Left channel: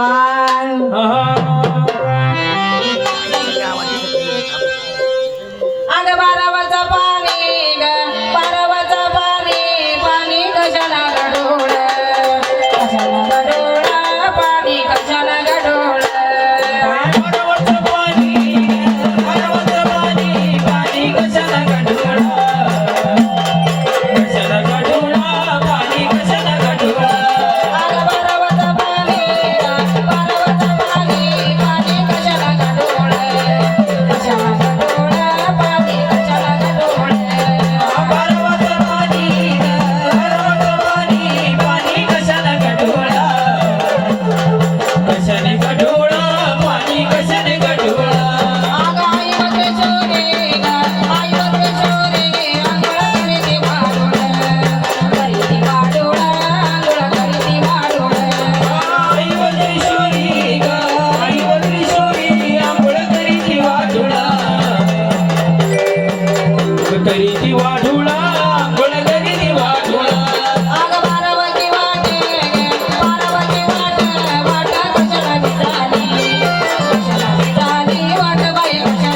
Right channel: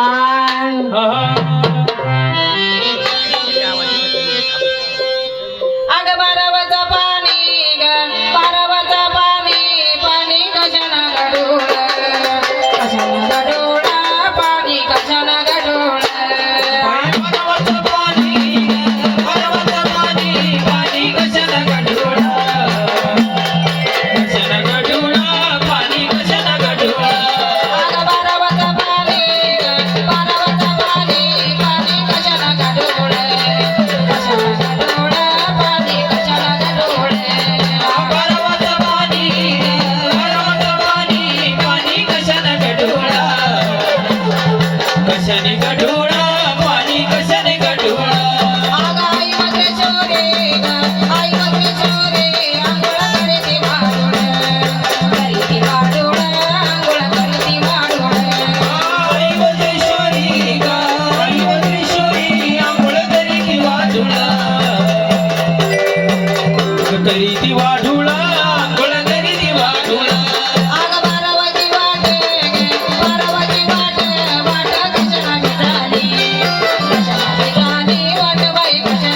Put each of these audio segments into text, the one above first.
Bye. Uh-huh. Jenny. Thank.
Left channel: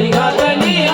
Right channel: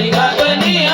ಹರಿಗಗನಿಯ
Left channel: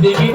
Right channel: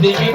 Devi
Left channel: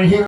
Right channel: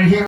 right here.